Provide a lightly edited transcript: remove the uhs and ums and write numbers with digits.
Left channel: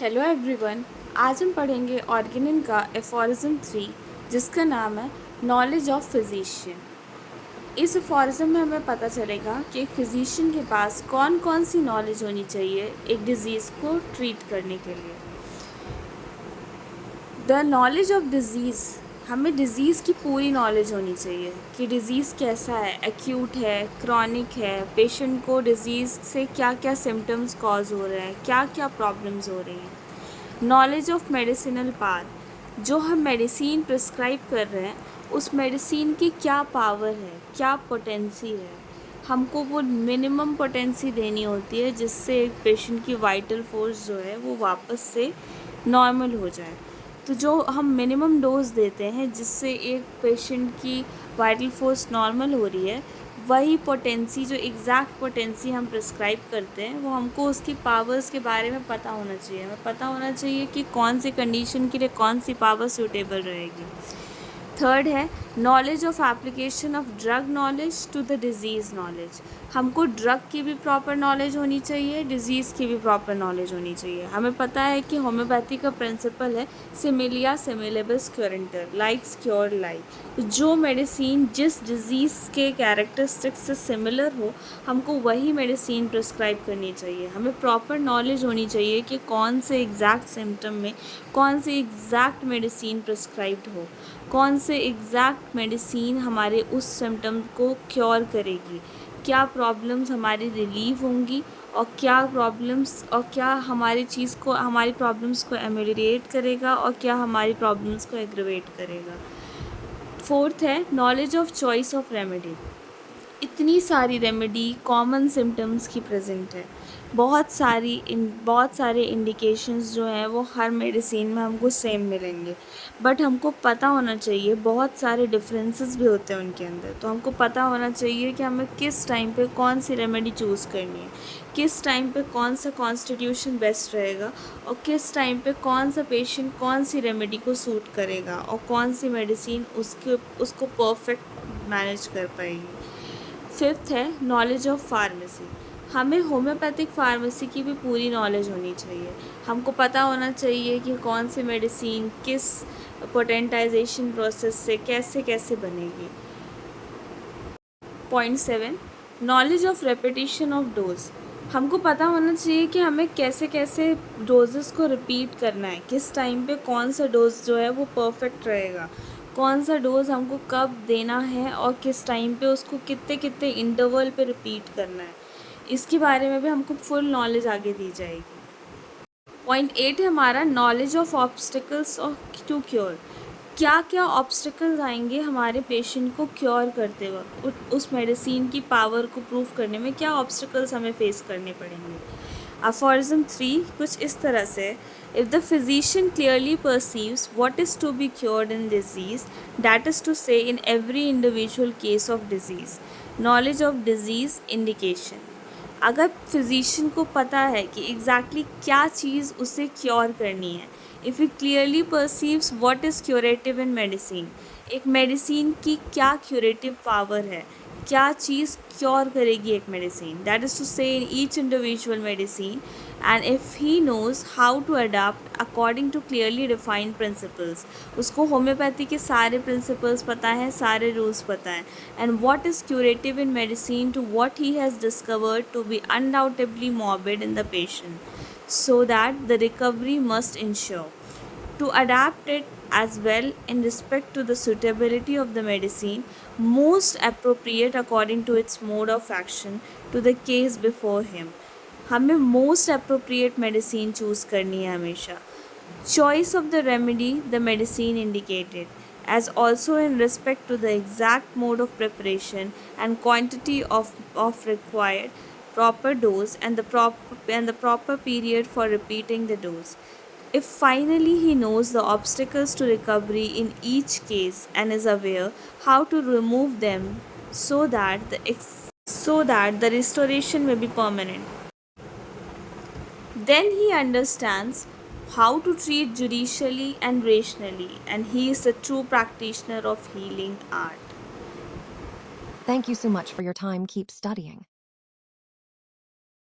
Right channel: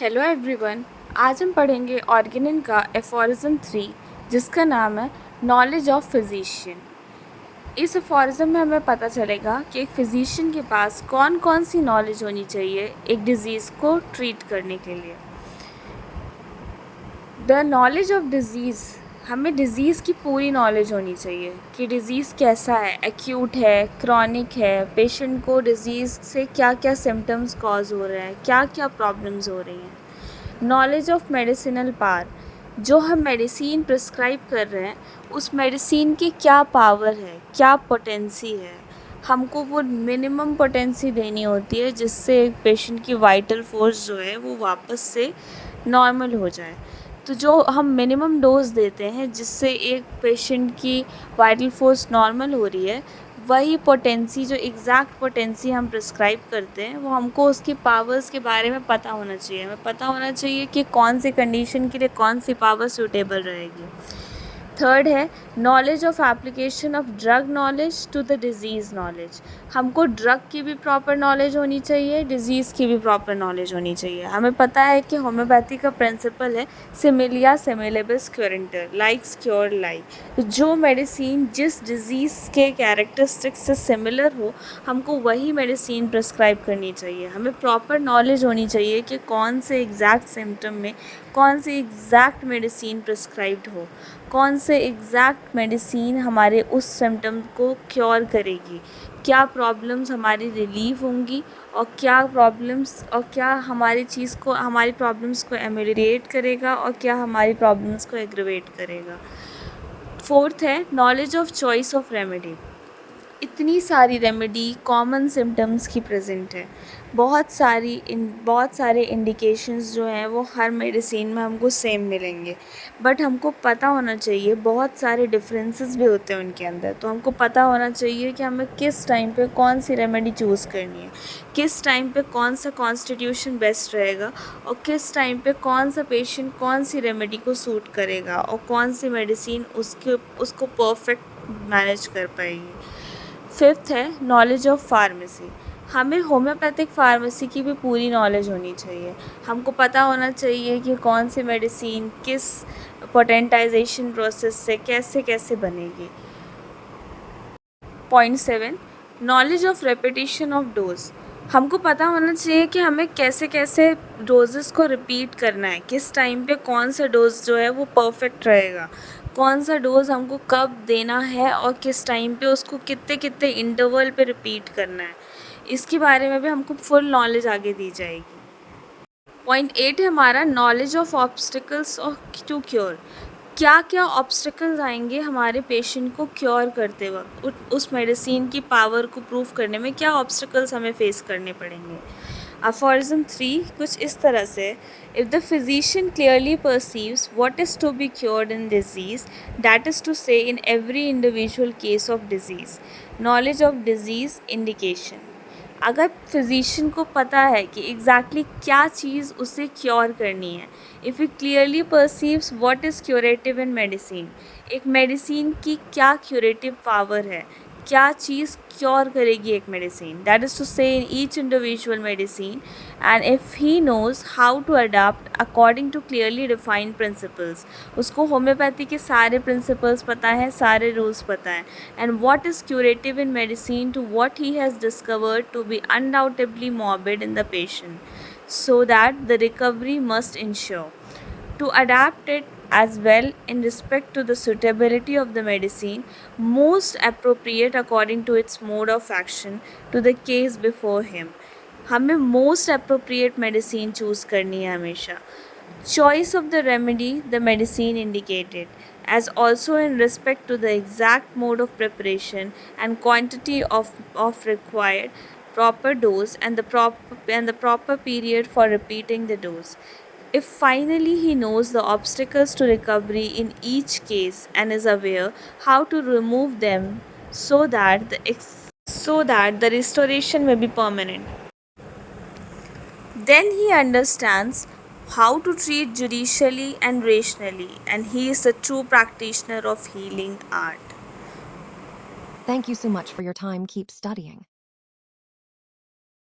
Hello everyone. आज हम पढ़ेंगे ऑर्गेनिन का एफोरिज्म 3 जिसका नाम है नॉलेज ऑफ फिजिशियन। इस एफोरिज्म में हमें पता चलेगा कि एक फिजिशियन के पास कौन कौन सी नॉलेज होनी चाहिए एक डिज़ीज़ को ट्रीट करने के लिए। द नॉलेज ऑफ डिज़ीज़, हमें डिज़ीज़ की पूरी नॉलेज होनी चाहिए कि डिज़ीज़ कैसा है, एक्यूट है, क्रॉनिक है, पेशेंट को डिज़ीज़ से क्या क्या सिम्टम्स कॉज हो रहे हैं, क्या क्या प्रॉब्लम्स हो रही हैं। नॉलेज ऑफ मेडिसिनल पावर, जो हम मेडिसिन प्रिस्क्राइब कर रहे हैं उस मेडिसिन की क्या पावर है, क्या पोटेंसी है, हमको वो मिनिमम पोटेंसी देनी होती है जिससे एक पेशेंट की वाइटल फोर्स जो है वो वापस से नॉर्मल हो जाए। तो जो हम मिनिमम डोज देते हैं जिससे एक पेशेंट की वाइटल फोर्स नॉर्मल हो रही है, वही पोटेंसी, जो एग्जैक्ट पोटेंसी हम प्रिस्क्राइब करते हैं, वो हमको उसकी पावर्स के बारे में पता होना चाहिए। हमें पता होना चाहिए कि कौन सी कंडीशन के लिए कौन सी पावर सूटेबल रहेगी। थर्ड है knowledge of application of drug knowledge to the disease knowledge. हमको ड्रग की भी प्रॉपर नॉलेज होनी चाहिए, डिज़ीज़ की भी प्रॉपर नॉलेज होनी चाहिए। हमें पता है कि होम्योपैथी का प्रिंसिपल है सिमिलिया सिमिलेबस क्योरेंटर, लाइक्स क्योर लाइक। जो मेडिसिन जिस डिज़ीज़ के कैरेक्टरिस्टिक्स से सिमिलर हो, हमको वही मेडिसिन प्रिस्क्राइब करनी चाहिए। हमें प्रॉपर नॉलेज होनी चाहिए कि कौन से एग्जैक्ट सिम्टम में कौन सी एग्जैक्ट मेडिसिन प्रिस्क्राइब्ड हो, कौन से एग्जैक्ट मेडिसिन हमारे उस सिम्टम को क्योर करेगी, क्या प्रॉब्लम्स हमारी रिलीव होंगी और क्या हमारी प्रॉब्लम्स को एमेलिएट करेगा और क्या हमारी प्रॉब्लम्स को एग्रवेट करेगा। फोर्थ है knowledge of choice of remedy. इतनी सारी रेमेडी कॉमन सिम्टम्स की प्रेजेंट है, बहुत सारे इंडिकेशंस जो हैं वो हर मेडिसिन में हमको सेम मिलेंगे, बट हमको पता होना चाहिए बहुत सारे डिफरेंसेस भी होते हैं उनके अंदर। तो हमको पता होना चाहिए कि हमें किस टाइम पे कौन सी रेमेडी चूज़ करनी है, किस टाइम पे कौन सा कॉन्स्टिट्यूशन बेस्ट रहेगा और किस टाइम पे कौन सा पेशेंट कौन सी रेमेडी को सूट करेगा और कौन सी मेडिसिन उसको परफेक्ट मैनेज कर पाएगी। फिफ्थ है नॉलेज ऑफ फार्मेसी। हमें होम्योपैथिक फार्मेसी की भी पूरी नॉलेज होनी चाहिए। हमको पता होना चाहिए कि कौन सी मेडिसिन किस पोटेंटाइजेशन प्रोसेस से कैसे कैसे बनेगी। Point 7 knowledge of repetition of dose. हमको पता होना चाहिए कि हमें कैसे कैसे डोजेस को रिपीट करना है, किस टाइम पे कौन सा डोज जो है वो परफेक्ट रहेगा, कौन सा डोज हमको कब देना है और किस टाइम पे उसको कितने कितने इंटरवल पे रिपीट करना है। इसके बारे में भी हमको फुल नॉलेज आगे दी जाएगी। पॉइंट 8 है हमारा knowledge of obstacles of to cure. क्या क्या ऑब्स्टिकल्स आएंगे हमारे पेशेंट को क्योर करते वक्त, उस मेडिसिन की पावर को प्रूव करने में क्या ऑब्स्टिकल्स हमें फेस करने पड़ेंगे। अफॉरिज्म 3 कुछ इस तरह से, if the physician clearly perceives what is to be cured in disease, that is to say in every individual case of disease, knowledge of disease indication. अगर फिजिशियन को पता है कि एग्जैक्टली क्या चीज़ उसे क्योर करनी है, if he clearly perceives what is curative in medicine, एक मेडिसिन की क्या क्यूरेटिव पावर है, क्या चीज़ क्योर करेगी एक medicine, that is to say in each individual medicine, and if he knows how to adapt according to clearly defined principles, उसको homeopathy के सारे प्रिंसिपल्स पता है, सारे रूल्स पता है, and what is curative in medicine to what he has discovered to be undoubtedly morbid in the patient, so that the recovery must ensure. To adapt it as well in respect to the suitability of the medicine, most appropriate according to its mode of action to the case before him. हमें most appropriate medicine choose करनी है हमेशा। Choice of the remedy, the medicine indicated, as also in respect to the exact mode of preparation and quantity of required proper dose and the proper period for repeating the dose. If finally he knows the obstacles to recovery in each case and is aware how to remove them so that the restoration may be permanent, then he understands how to treat judicially and rationally, and he is a true practitioner of healing art. Thank you so much for your time. Keep studying.